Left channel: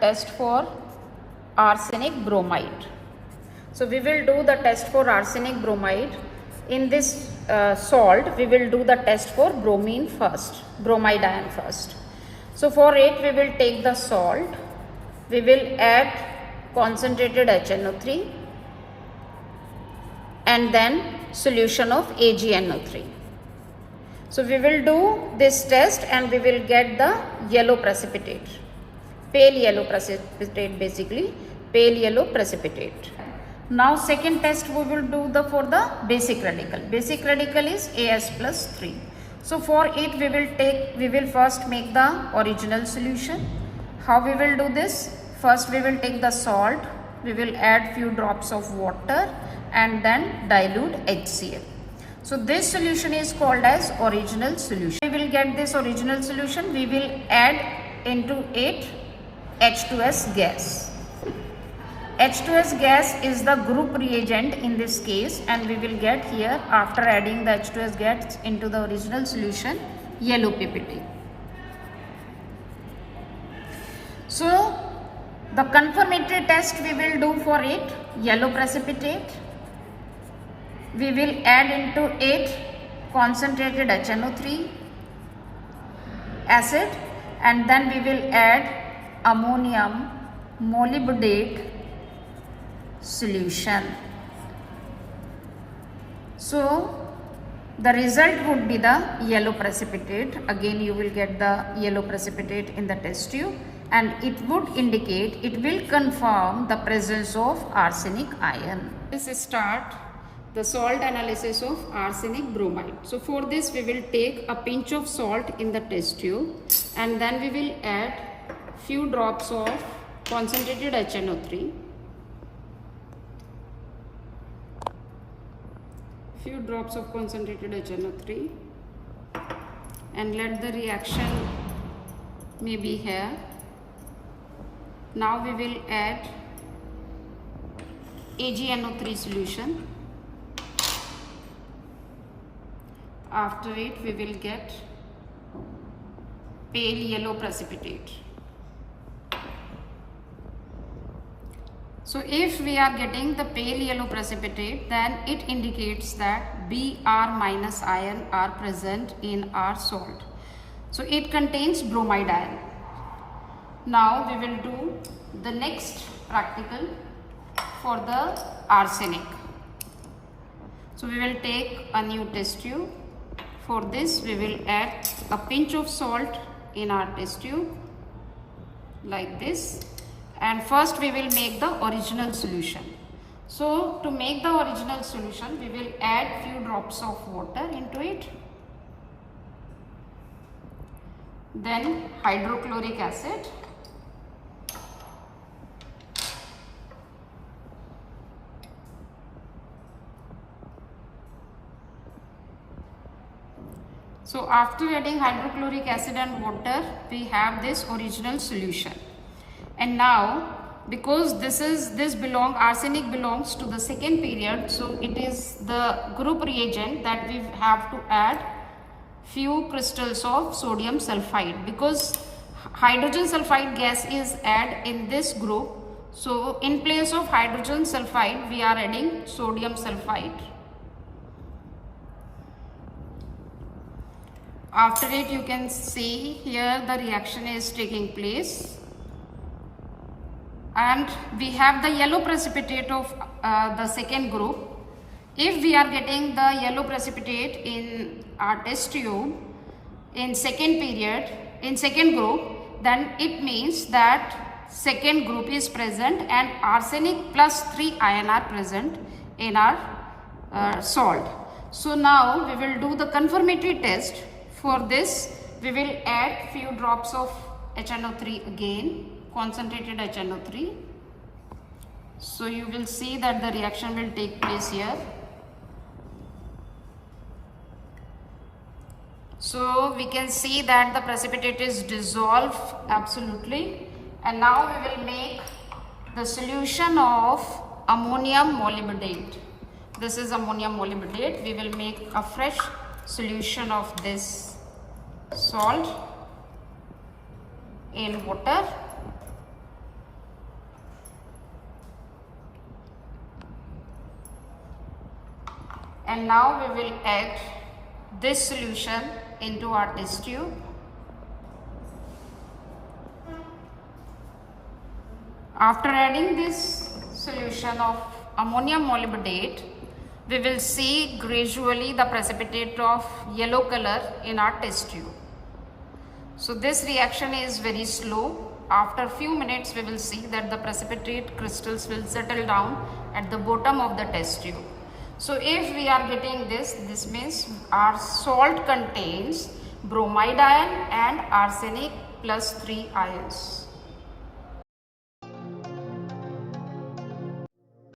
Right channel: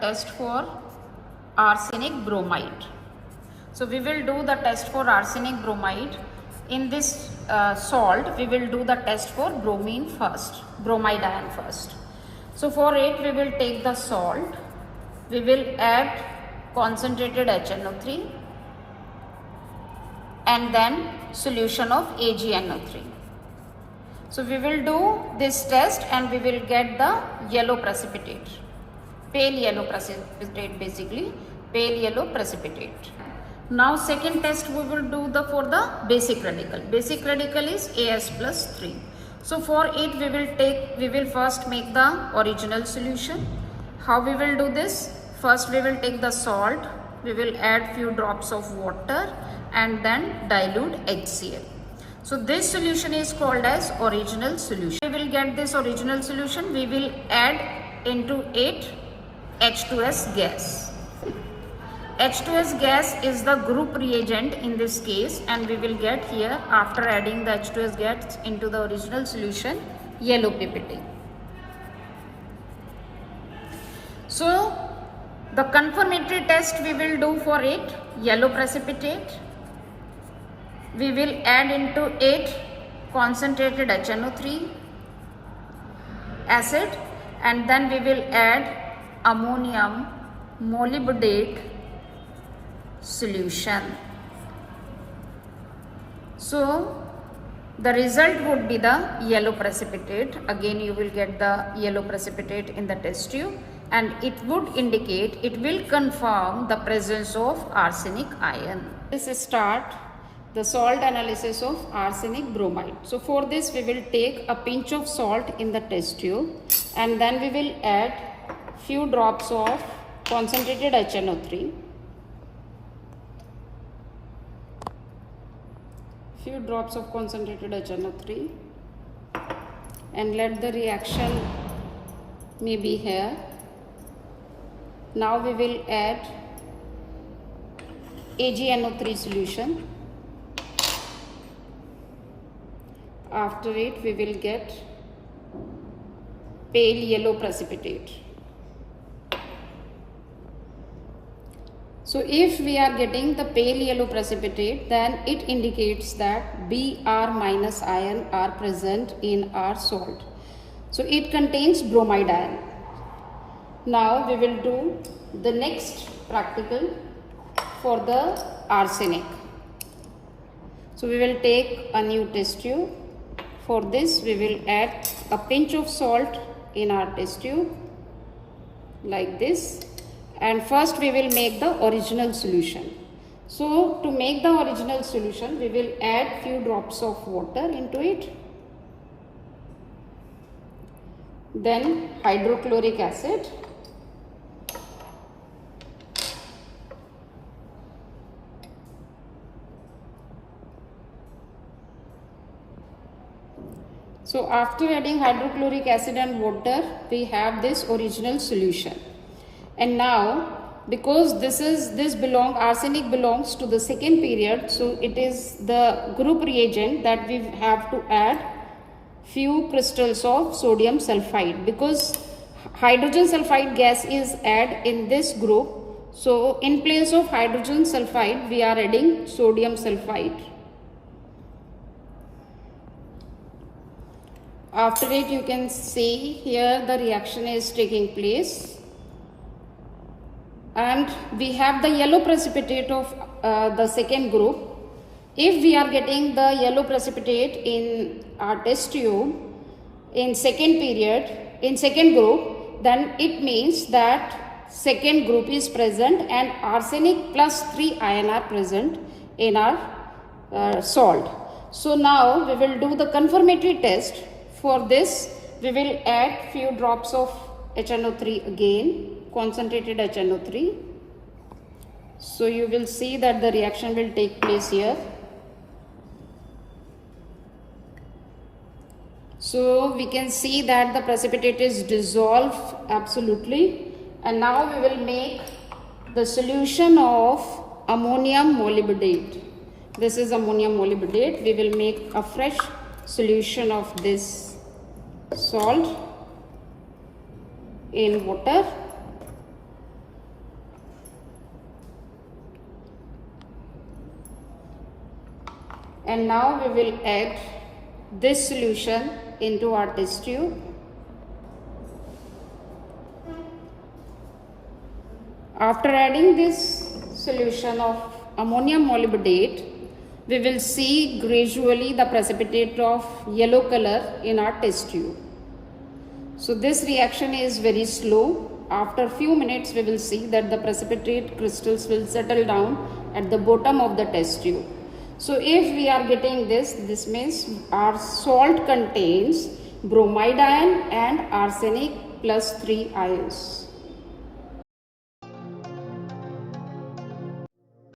test for arsenic bromide. So we will do the test for arsenic bromide. In this salt, we will do the test for bromide ion first. So for it, we will take the salt, we will add concentrated HNO3 and then solution of AgNO3. So we will do this test and we will get the yellow precipitate, pale yellow precipitate, basically pale yellow precipitate. Now second test we will do for the basic radical. Basic radical is As+3. So for it we will first make the original solution. How we will do this? First we will take the salt, we will add few drops of water and then dilute HCl. So this solution is called as original solution. We will get this original solution, we will add into it H2S gas. H2S gas is the group reagent in this case, and we will get here, after adding the H2S gas into the original solution, yellow PPT. So the confirmatory test we will do for it, yellow precipitate. We will add into it concentrated HNO3 acid and then we will add ammonium molybdate solution. So the result would be the yellow precipitate. Again you will get the yellow precipitate in the test tube and it would indicate, it will confirm the presence of arsenic ion. Let's start the salt analysis of arsenic bromide. So for this we will take a pinch of salt in the test tube and then we will add few drops of concentrated HNO3. Few drops of concentrated HNO3 and let the reaction may be here. Now we will add AgNO3 solution. After it we will get pale yellow precipitate. So if we are getting the pale yellow precipitate, then it indicates that Br- ion are present in our salt. So it contains bromide ion. Now we will do the next practical for the arsenic. So we will take a new test tube. For this we will add a pinch of salt in our test tube like this. And first we will make the original solution. So to make the original solution we will add few drops of water into it. Then hydrochloric acid. So after adding hydrochloric acid and water we have this original solution. And now because arsenic belongs to the second period, so it is the group reagent that we have to add few crystals of sodium sulfide, because hydrogen sulfide gas is added in this group. So in place of hydrogen sulfide we are adding sodium sulfide. After it you can see here the reaction is taking place. And we have the yellow precipitate of the second group. If we are getting the yellow precipitate in our test tube in second group, then it means that second group is present and arsenic +3 ion are present in our salt. So now we will do the confirmatory test. For this we will add few drops of HNO3 again, concentrated HNO3. So you will see that the reaction will take place here. So we can see that the precipitate is dissolved absolutely, and now we will make the solution of ammonium molybdate. This is ammonium molybdate. We will make a fresh solution of this salt in water. and now we will add this solution into our test tube. After adding this solution of ammonium molybdate, we will see gradually the precipitate of yellow color in our test tube. So this reaction is very slow. After few minutes we will see that the precipitate crystals will settle down at the bottom of the test tube. So if we are getting this means our salt contains bromide ion and arsenic +3 ions.